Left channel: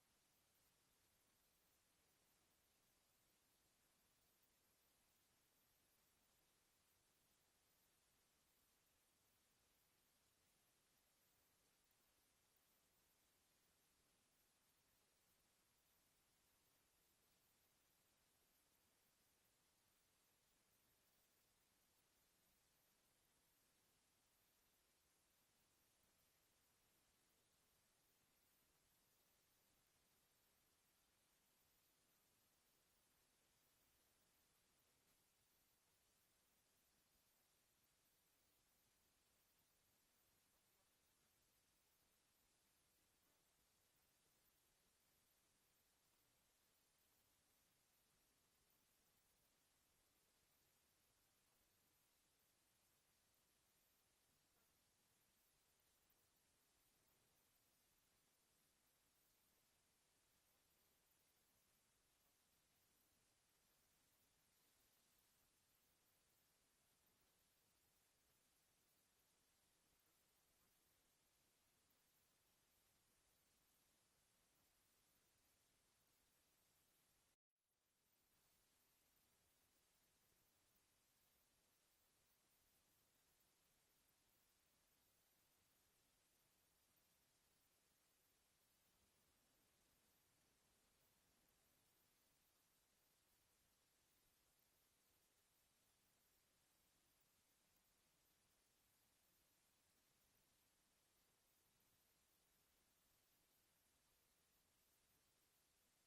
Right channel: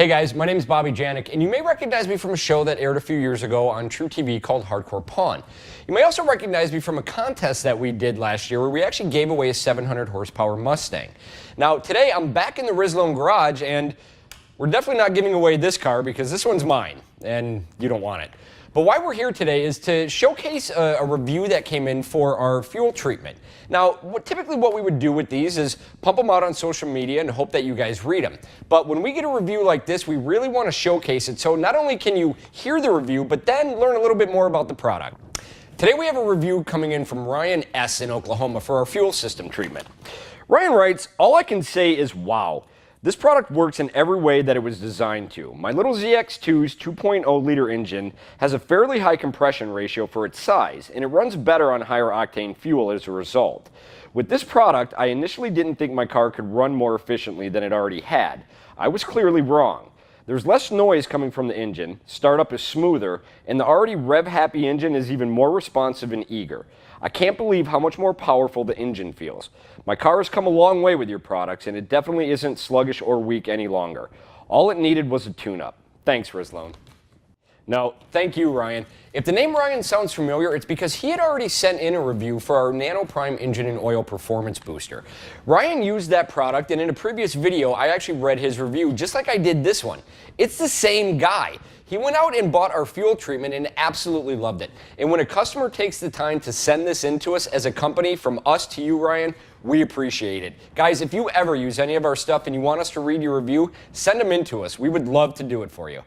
Hey guys, my name is Bobby Janik, and you may recognize me from a show that aired a few years ago on True TV called Hardcore Pawn. You may also recognize me from a contest that we did last year where we actually gave away a 700 horsepower Mustang. Now today I'm back in the Rislone garage, and we're definitely not giving away this car because this one's mine and you don't want it. But why we're here today is to showcase a review that came in for our fuel treatment. Now, typically what we would do with these is pump them out on social media and hope that you guys read them. But when we get a review like this, we really want to showcase it, so not only can you hear the review, but then learn a little bit more about the product. Today we have a review coming in from Ryan S. in Oklahoma for our fuel system treatment. Ryan writes, "All I can say is wow. This product works in every way that it was designed to. My little ZX2's 2.0 liter engine has a fairly high compression ratio for its size, and it runs better on higher octane fuel as a result. With this product, I initially didn't think my car could run more efficiently than it already had. I was clearly wrong. There's less noise coming from the engine, startup is smoother, and the already rev-happy engine is even more responsive and eager. I can't believe how much more powerful the engine feels. My car has come a long way with your products, and it definitely isn't sluggish or weak any longer. All it needed was a tune-up. Thanks, Rislone." Now, thank you, Ryan. If the name Ryan sounds familiar, it's because he had already sent in a review for our Nano Prime engine and oil performance booster. Ryan used that product, and in a previous video, I actually read his review just like I did this one. It's the same guy. He went out and bought our fuel treatment and absolutely loved it. And when a customer takes the time to send this in to us as a company, from us to you, Ryan, we appreciate it. Guys, if you ever use any of our stuff and you want us to read your review, send them in to us. We would love to do it for you.